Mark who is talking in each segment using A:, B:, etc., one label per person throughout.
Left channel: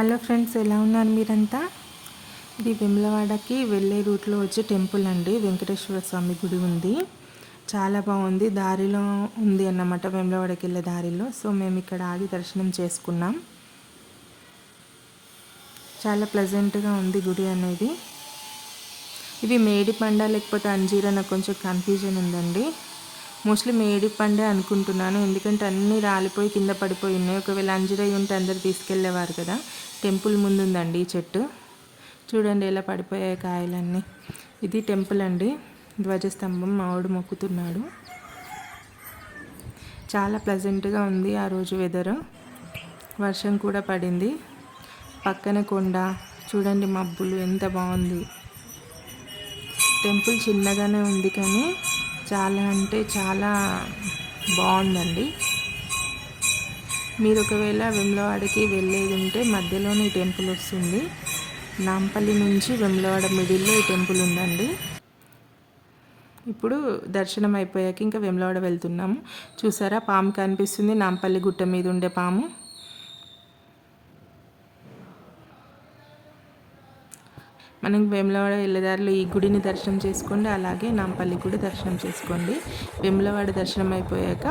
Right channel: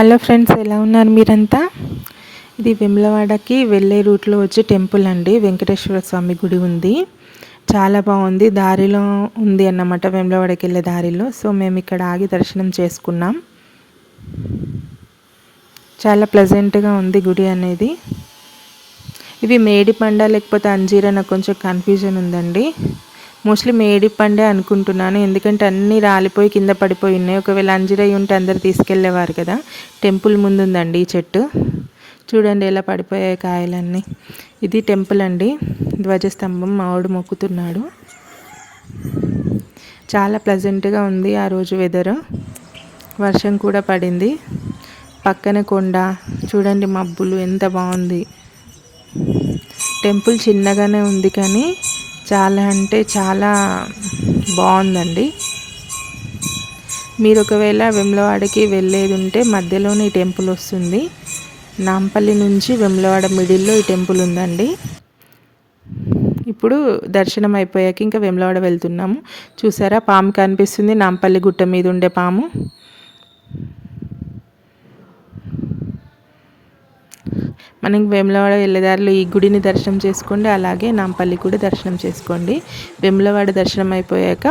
A: Hello friends ఎలా ఉన్నారు మీరంతా? ఇది వెమ్లవాడకి వెళ్ళే రూట్లో వచ్చే టెంపుల్ అండి. వెంకటేశ్వర స్వామి గుడి ఉంది. చాలా బాగుంది. దారిలో ఉంది అన్నమాట వెమ్లవాడకి వెళ్ళే దారిలో. సో మేము ఇక్కడ ఆగి దర్శనం చేసుకున్నాం. చాలా ప్లెజెంట్గా ఉంది గుడి అనేది. ఇవి మేడి పండ లేకపోతే అంజీర నాకు కొంచెం కన్ఫ్యూజన్ ఉందండి. మోస్ట్లీ మేడి పండే అనుకుంటున్నాను. ఎందుకంటే అన్నీ రాలిపోయి కింద పడిపోయి ఉన్నాయి. ఒకవేళ అంజిరయ్య ఉంటే అందరు తీసుకెళ్ళేవారు కదా. టెంపుల్ ముందు ఉందండి ఈ చెట్టు. చూడండి ఎలా పడిపోయాయి కాయలన్నీ. ఇది టెంపుల్ అండి. ధ్వజస్తంభం మావుడు మొక్కుతున్నాడు. చాలా ప్లజెంట్గా ఉంది ఆ రోజు వెదర్ వర్షం కూడా పడింది. పక్కన కొండ. చూడండి మబ్బులు ఎంత బాగుంది. టెంపుల్ చిన్నగానే ఉంది కానీ చాలా అంటే చాలా బాగుందండి. మీరు ఒకవేళ వెమ్లవాడకి వెళ్ళేది ఉంటే మధ్యలోనే ఈ టెంపుల్ వస్తుంది. నాంపల్లి నుంచి వెమ్లవాడ మిడిల్లో ఈ టెంపుల్ ఉందండి. ఇప్పుడు దర్శనం అయిపోయాక ఇంకా వెమ్లవాడ వెళ్తున్నాము. చూసారా పాము కనిపిస్తుంది. నాంపల్లి గుట్ట మీద ఉండే పాము. మనం వేములవాడ వెళ్ళేదారిలో ఈ గుడిని దర్శనం చేసుకోండి అలాగే నాంపల్లి కూడా దర్శనం చేసుకోండి. వేములవాడ దర్శనం అయిపోయాక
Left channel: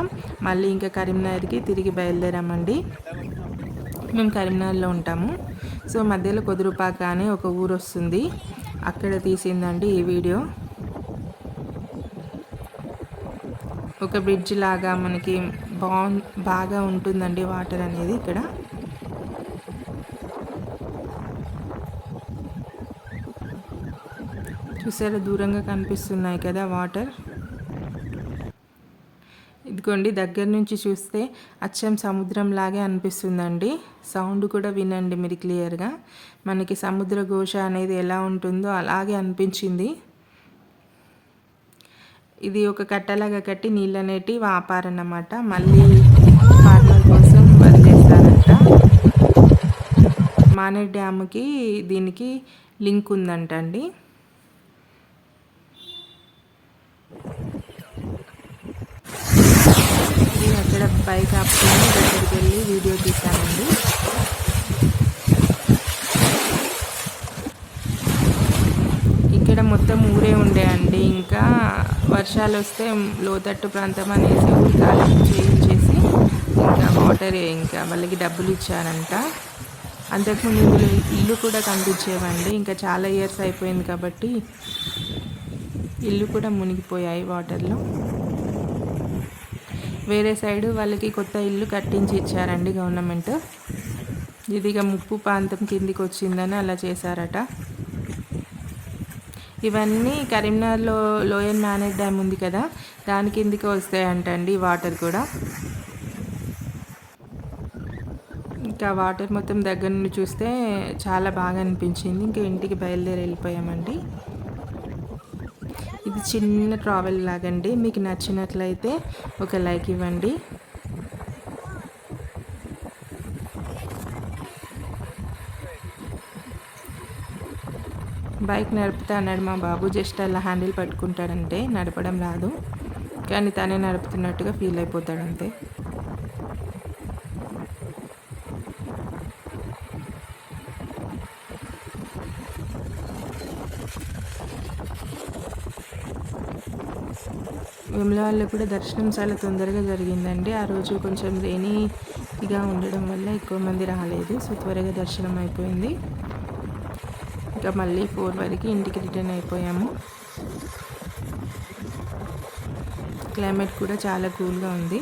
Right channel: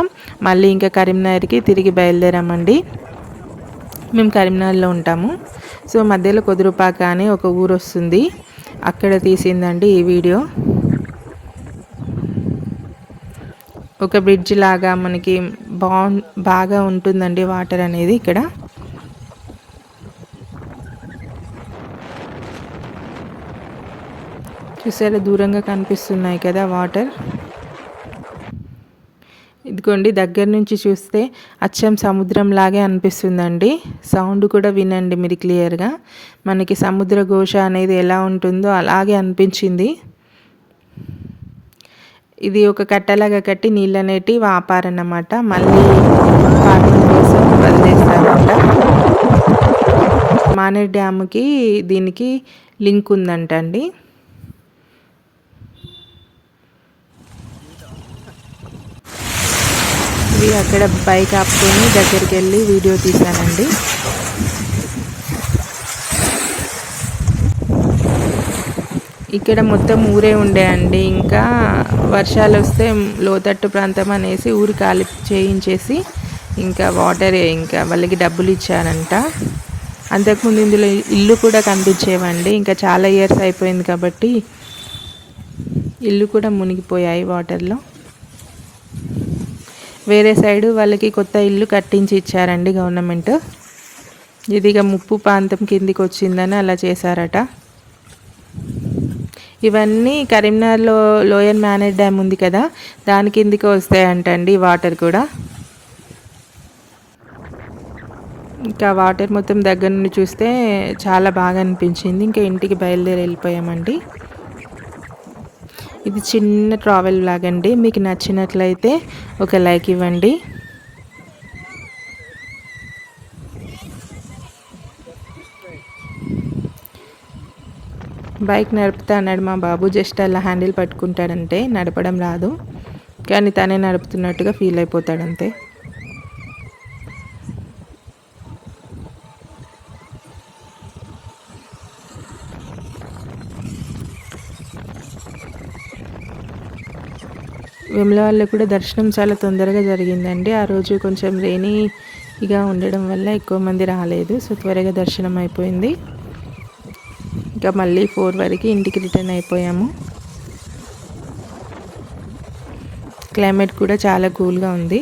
A: మళ్ళీ ఇంకా కరీంనగర్కి తిరిగి బయలుదేరామండి. మేము కరీంనగర్లో ఉంటాము. సో మధ్యలో కొదురుపాక అని ఒక ఊరు వస్తుంది. అక్కడ తీసిందండి ఈ వీడియో. ఒక బ్రిడ్జ్ లాగా మనకి బాగు బాగా ఉంటుందండి వాటర్ అనేది ఇక్కడ. చూసారా దూరంగా కనిపిస్తున్నాయి కదా వాటర్. ఇదిగోండి దగ్గర నుంచి చూస్తే అచ్చం సముద్రం లాగే అనిపిస్తుందండి. సౌండ్ కూడా వినండి మీరు క్లియర్గా. మనకి సముద్ర ఘోష అనేది ఎలా ఉంటుందో అలాగే అనిపించింది. ఇది ఒక కట్టలాగా కట్టి నీళ్ళు అనేటి వాపారన్నమాట. మళ్ళీ వాటిని వదిలేస్తారంట మానేర్ డ్యామ్కి దీనికి లింక్ ఉందంట అండి అక్కడ బైక్ ఆపుకొని దగ్గరికి వెళ్ళి వీడియో తీశానండి. ఇక్కడ మొత్తం ఊరే ఉండే అండి. ఇంకా వర్షాలు వస్తే లోతట్టు ప్రాంతం అనేసి ఊరి కాలు చేయించేసి ఇంకా వాటర్ ఇంకా వాళ్ళకి డబ్బులు ఇచ్చారంట. అంతకుముందు ఇందులో ఇల్లు కూడా కనిపించేవండి. ఇంకా చాలా ఇయర్స్ అయిపోయింది కాబట్టి ఇల్లు కూడా మునిగిపోయాయి వాటర్లో వేరే సైడు వాళ్ళకి కొత్త ఇల్లు కట్టించి ఇచ్చారండి గవర్నమెంట్. ఇది ఇక ముప్పు ప్రాంతం కిందికి వచ్చిందని అలా చేశారట. ఇవన్నీ కరీంనగర్లో లోయర్ మేనేజ్ డ్యామ్ ఉంది కదా దాని కిందికి వస్తాయంటండి వాటర్ కూడా. ఇంకా వాటర్ మొత్తం దగ్గర నుండి చూస్తే చాలా బాగా అనిపించింది. ఇంకా ఇంటికి బయలుదేరి వెళ్ళిపోయామండి. ఇది చిన్న ట్రావెల్ లాగండి. మీకు నచ్చినట్లయితే ఒక లైక్ ఇవ్వండి. బైక్ నడుపుతా అన్నాడు మా బాబు. జస్ట్ అలా హ్యాండిల్ పట్టుకుంటాడంటే నడపడం రాదు. కానీ తనే నడుపుతున్నట్టుగా ఫీల్ అయిపోతాడంతే. వేములవాడలో కూడా దర్శనం చాలా తొందరగా జరిగిందండి. ఆ రోజు కొంచెం రెయినీగా ఉండడం వల్ల ఎక్కువ మంది రాలేదు. సో త్వరగా దర్శనం అయిపోయింది. ఇంకా మళ్ళీ ఫోర్ వరకు ఇంటికి రిటర్న్ అయిపోయాము. క్లైమేట్ కూడా చాలా కూల్గా ఉంది.